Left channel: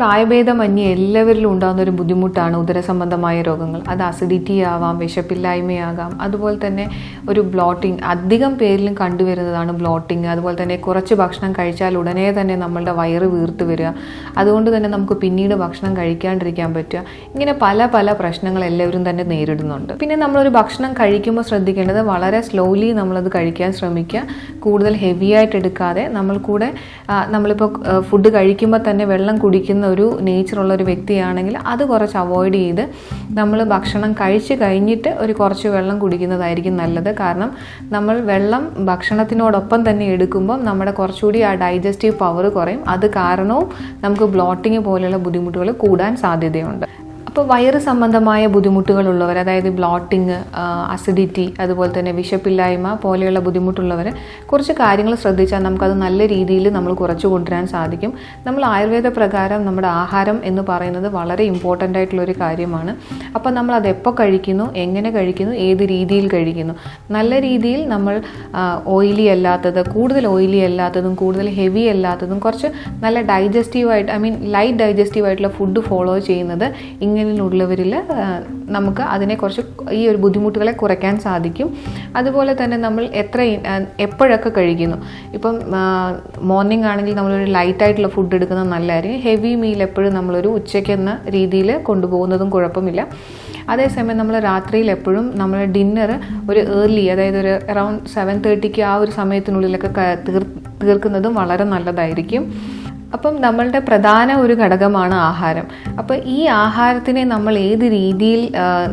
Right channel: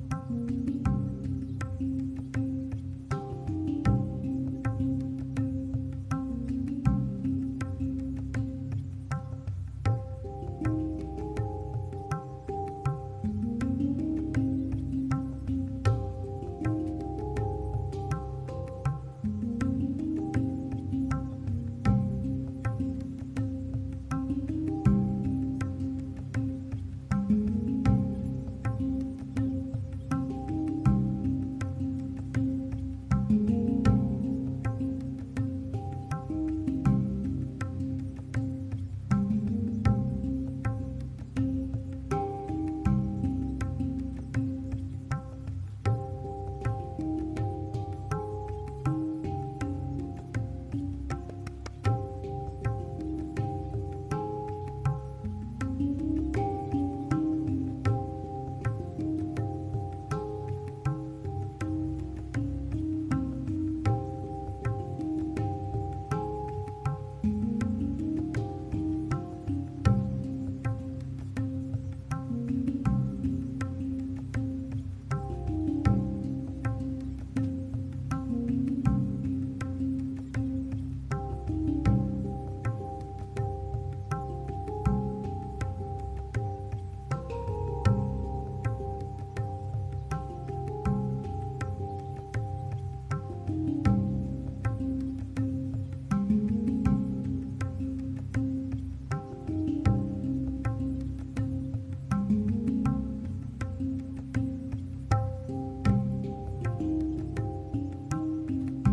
പ്രായഭേദമന്യേ എല്ലാവരിലും ഉണ്ടാകുന്ന ഒരു ബുദ്ധിമുട്ടാണ് ഉദരസംബന്ധമായ രോഗങ്ങൾ. അത് അസിഡിറ്റി ആവാം, വിശപ്പില്ലായ്മയാകാം, അതുപോലെ തന്നെ ഒരു ബ്ലോട്ടിങ്, അധികം പേരിലും കണ്ടുവരുന്നതാണ് ബ്ലോട്ടിങ്. അതുപോലെ തന്നെ കുറച്ച് ഭക്ഷണം കഴിച്ചാൽ ഉടനെ തന്നെ നമ്മളുടെ വയറ് വീർത്ത് വരിക, അതുകൊണ്ട് തന്നെ നമുക്ക് പിന്നീട് ഭക്ഷണം കഴിക്കാണ്ടിരിക്കാൻ പറ്റുക. ഇങ്ങനെ പല പല പ്രശ്നങ്ങൾ എല്ലാവരും തന്നെ നേരിടുന്നുണ്ട്. പിന്നെ നമ്മളൊരു ഭക്ഷണം കഴിക്കുമ്പോൾ ശ്രദ്ധിക്കേണ്ടത് വളരെ സ്ലോലി നമ്മളത് കഴിക്കാൻ ശ്രമിക്കുക. കൂടുതൽ ഹെവി ആയിട്ട് എടുക്കാതെ നമ്മളിപ്പോൾ ഫുഡ് കഴിക്കുമ്പോൾ തന്നെ വെള്ളം കുടിക്കുന്ന ഒരു നേച്ചറുള്ള ഒരു വ്യക്തിയാണെങ്കിൽ അത് കുറച്ച് അവോയ്ഡ് ചെയ്ത് നമ്മൾ ഭക്ഷണം കഴിച്ച് കഴിഞ്ഞിട്ട് ഒരു കുറച്ച് വെള്ളം കുടിക്കുന്നതായിരിക്കും നല്ലത്. കാരണം നമ്മൾ വെള്ളം ഭക്ഷണത്തിനോടൊപ്പം തന്നെ എടുക്കുമ്പോൾ നമ്മുടെ കുറച്ചുകൂടി ആ ഡൈജസ്റ്റീവ് പവർ കുറയും. അത് കാരണവും നമുക്ക് ബ്ലോട്ടിങ് പോലെയുള്ള ബുദ്ധിമുട്ടുകൾ കൂടാൻ സാധ്യതയുണ്ട്. അപ്പോൾ വയറ് സംബന്ധമായ ബുദ്ധിമുട്ടുകളുള്ളവർ, അതായത് ബ്ലോട്ടിങ്, അസിഡിറ്റി, അതുപോലെ തന്നെ വിശപ്പില്ലായ്മ പോലെയുള്ള ബുദ്ധിമുട്ടുള്ളവർ കുറച്ച് കാര്യങ്ങൾ ശ്രദ്ധിച്ചാൽ നമുക്കത് നല്ല രീതിയിൽ നമ്മൾ കുറച്ച് കൊണ്ടുവരാൻ സാധിക്കും. നമ്മൾ ആയുർവേദ പ്രകാരം നമ്മുടെ ആഹാരം എന്ന് പറയുന്നത് വളരെ ഇമ്പോർട്ടൻ്റ് ആയിട്ടുള്ളൊരു കാര്യമാണ്. അപ്പോൾ നമ്മൾ അതെപ്പോൾ കഴിക്കുന്നു, എങ്ങനെ കഴിക്കുന്നു, ഏത് രീതിയിൽ കഴിക്കുന്നു. നല്ല രീതിയിൽ നമ്മൾ ഓയിലി അല്ലാത്തത്, കൂടുതൽ ഓയിലി അല്ലാത്തതും കൂടുതൽ ഹെവി അല്ലാത്തതും കുറച്ച് നല്ല ഡൈജസ്റ്റീവായിട്ട്, ലൈറ്റ് ഡൈജസ്റ്റീവായിട്ടുള്ള ഫുഡ് ഫോളോ ചെയ്യുന്നത് ഇങ്ങനെയുള്ളവരിൽ നമുക്ക് അതിനെക്കുറിച്ച് ഈ ഒരു ബുദ്ധിമുട്ടുകളെ കുറയ്ക്കാൻ സാധിക്കും. അതുപോലെ തന്നെ നമ്മൾ എപ്പോഴൊക്കെ കഴിക്കുന്നു. ഇപ്പം മോർണിംഗ് ആണെങ്കിൽ നമ്മളൊരു ലൈറ്റായിട്ടുള്ള ഫുഡ് എടുക്കുന്നത് നല്ലതായിരിക്കും. ഹെവി മീൽ എപ്പോഴും നമ്മളൊരു ഉച്ചയ്ക്കെന്ന രീതിയിൽ കൊണ്ടുപോകുന്നതും കുഴപ്പമില്ല. അതേസമയം നമ്മൾ രാത്രിയിൽ എപ്പോഴും നമ്മൾ ഡിന്നർ ഒരു ഏർലി, അതായത് ഒരു അറൗണ്ട് 7:30 ആ ഒരു സമയത്തിനുള്ളിലൊക്കെ തീർക്കുന്നതും വളരെ നല്ലതായിരിക്കും. അപ്പം നമ്മളുടെ പ്രധാന ഒരു ഘടകമാണ് ആഹാരം. അപ്പോൾ ഈ ആഹാരത്തിനെ നമ്മൾ ഏത് രീതിയിൽ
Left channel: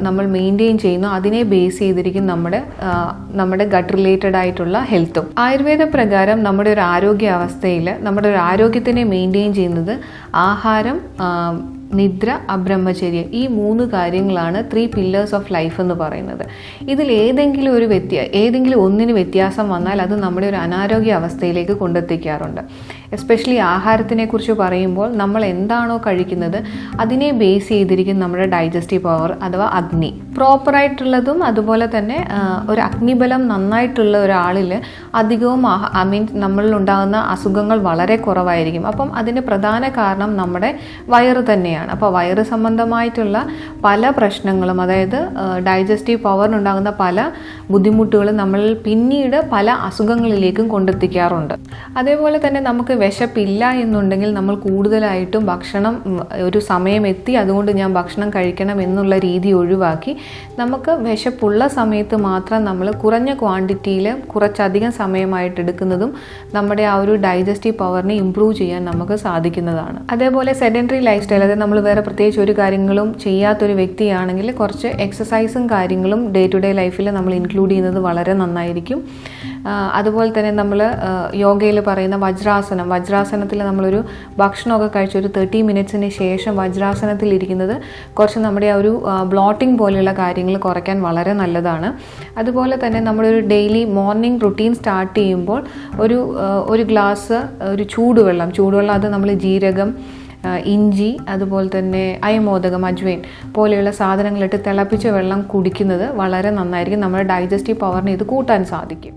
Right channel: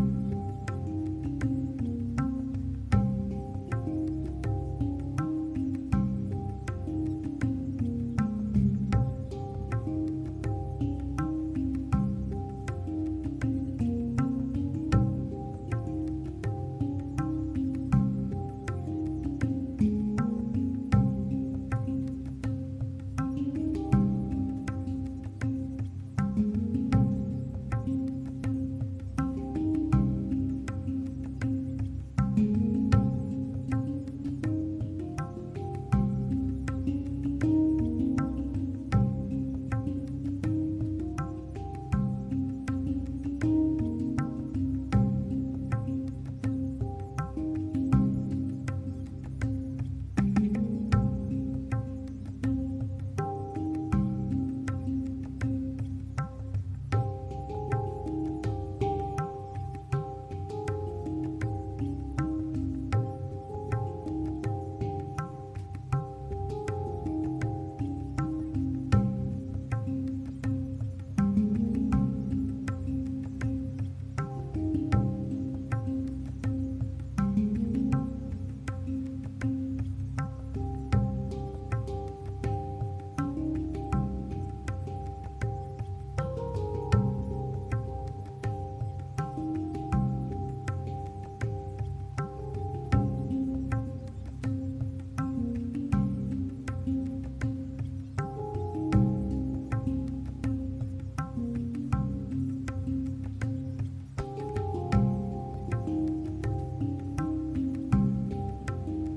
നമ്മൾ മെയിൻറ്റെയിൻ ചെയ്യുന്നു അതിനെ ബേസ് ചെയ്തിരിക്കും നമ്മുടെ ഗട്ട് റിലേറ്റഡ് ആയിട്ടുള്ള ഹെൽത്തും. ആയുർവേദ പ്രകാരം നമ്മുടെ ഒരു ആരോഗ്യാവസ്ഥയിൽ നമ്മുടെ ഒരു ആരോഗ്യത്തിനെ മെയിൻറ്റെയിൻ ചെയ്യുന്നത് ആഹാരം, നിദ്ര, അബ്രഹ്മചര്യ, ഈ 3 കാര്യങ്ങളാണ് 3 പില്ലേഴ്സ് ഓഫ് ലൈഫ് എന്ന് പറയുന്നത്. ഇതിൽ ഏതെങ്കിലും ഒന്നിന് വ്യത്യാസം വന്നാൽ അത് നമ്മുടെ ഒരു അനാരോഗ്യ അവസ്ഥയിലേക്ക് കൊണ്ടെത്തിക്കാറുണ്ട്. എസ്പെഷ്യലി ആഹാരത്തിനെ കുറിച്ച് പറയുമ്പോൾ നമ്മൾ എന്താണോ കഴിക്കുന്നത് അതിനെ ബേസ് ചെയ്തിരിക്കും നമ്മുടെ ഡൈജസ്റ്റീവ് പവർ അഥവാ അഗ്നി. പ്രോപ്പറായിട്ടുള്ളതും അതുപോലെ തന്നെ ഒരു അഗ്നിബലം നന്നായിട്ടുള്ള ഒരാളിൽ അധികവും നമ്മളിലുണ്ടാകുന്ന അസുഖങ്ങൾ വളരെ കുറവായിരിക്കും. അപ്പം അതിൻ്റെ പ്രധാന കാരണം നമ്മുടെ വയറ് തന്നെയാണ്. അപ്പോൾ വയറ് സംബന്ധമായിട്ടുള്ള പല പ്രശ്നങ്ങളും, അതായത് ഡൈജസ്റ്റീവ് പവറിനുണ്ടാകുന്ന പല ബുദ്ധിമുട്ടുകളും നമ്മൾ പിന്നീട് പല അസുഖങ്ങളിലേക്കും കൊണ്ടെത്തിക്കാറുണ്ട്. അതേപോലെ തന്നെ നമുക്ക് വിശപ്പില്ല എന്നുണ്ടെങ്കിൽ നമ്മൾ കൂടുതലായിട്ടും ഭക്ഷണം ഒരു സമയം എത്തി അതുകൊണ്ട് ഞാൻ ഭക്ഷണം കഴിക്കണം എന്നുള്ള രീതി ഒഴിവാക്കി നമുക്ക് വിശപ്പുള്ള സമയത്ത് മാത്രം നമ്മൾ കുറഞ്ഞ ക്വാണ്ടിറ്റിയിൽ കുറച്ചധികം സമയമായിട്ട് എടുക്കുന്നതും നമ്മുടെ ആ ഒരു ഡൈജസ്റ്റീവ് പവറിനെ ഇംപ്രൂവ് ചെയ്യാൻ നമുക്ക് സാധിക്കുന്നതാണ്. അതേപോലെ സെഡൻറ്ററി ലൈഫ് സ്റ്റൈൽ, അതായത് നമ്മൾ വേറെ പ്രത്യേകിച്ച് ഒരു കാര്യങ്ങളും ചെയ്യാത്തൊരു വ്യക്തിയാണെങ്കിൽ കുറച്ച് എക്സസൈസും കാര്യങ്ങളും ഡേ ടു ഡേ ലൈഫിൽ നമ്മൾ ഇൻക്ലൂഡ് ചെയ്യുന്നത് വളരെ നന്നായിരിക്കും. അതുപോലെ തന്നെ നമ്മൾ യോഗയിൽ പറയുന്ന വജ്രാസനത്തിൽ നമ്മളൊരു ഭക്ഷണമൊക്കെ കഴിച്ച് ഒരു 30 മിനിറ്റ്സിന് ശേഷം വജ്രാസനത്തിൽ ഇരിക്കുന്നത് കുറച്ച് നമ്മുടെ ആ ഒരു ബ്ലോട്ടിംഗ് പോലെയുള്ള കാര്യങ്ങൾ കുറയ്ക്കാൻ വളരെ നല്ലതാണ്. അതുപോലെ തന്നെ നമ്മളൊരു ഡെയിലി മോർണിംഗ് റുട്ടീൻ സ്റ്റാർട്ട് ചെയ്യുമ്പോൾ ഒരു ഗ്ലാസ് ചൂടുവെള്ളം അത് നമ്മൾ ജീരകം, ഇഞ്ചി, അതുപോലെ തന്നെ അയമോദകം, അജ്വൈൻ പോലെയുള്ള സാധനങ്ങളിട്ട് തിളപ്പിച്ച വെള്ളം കുടിക്കുന്നത് വളരെ നന്നായിരിക്കും. നമ്മുടെ ഡൈജസ്റ്റീവ് പവറിനെ ഇത് കൂട്ടാൻ സാധിക്കും.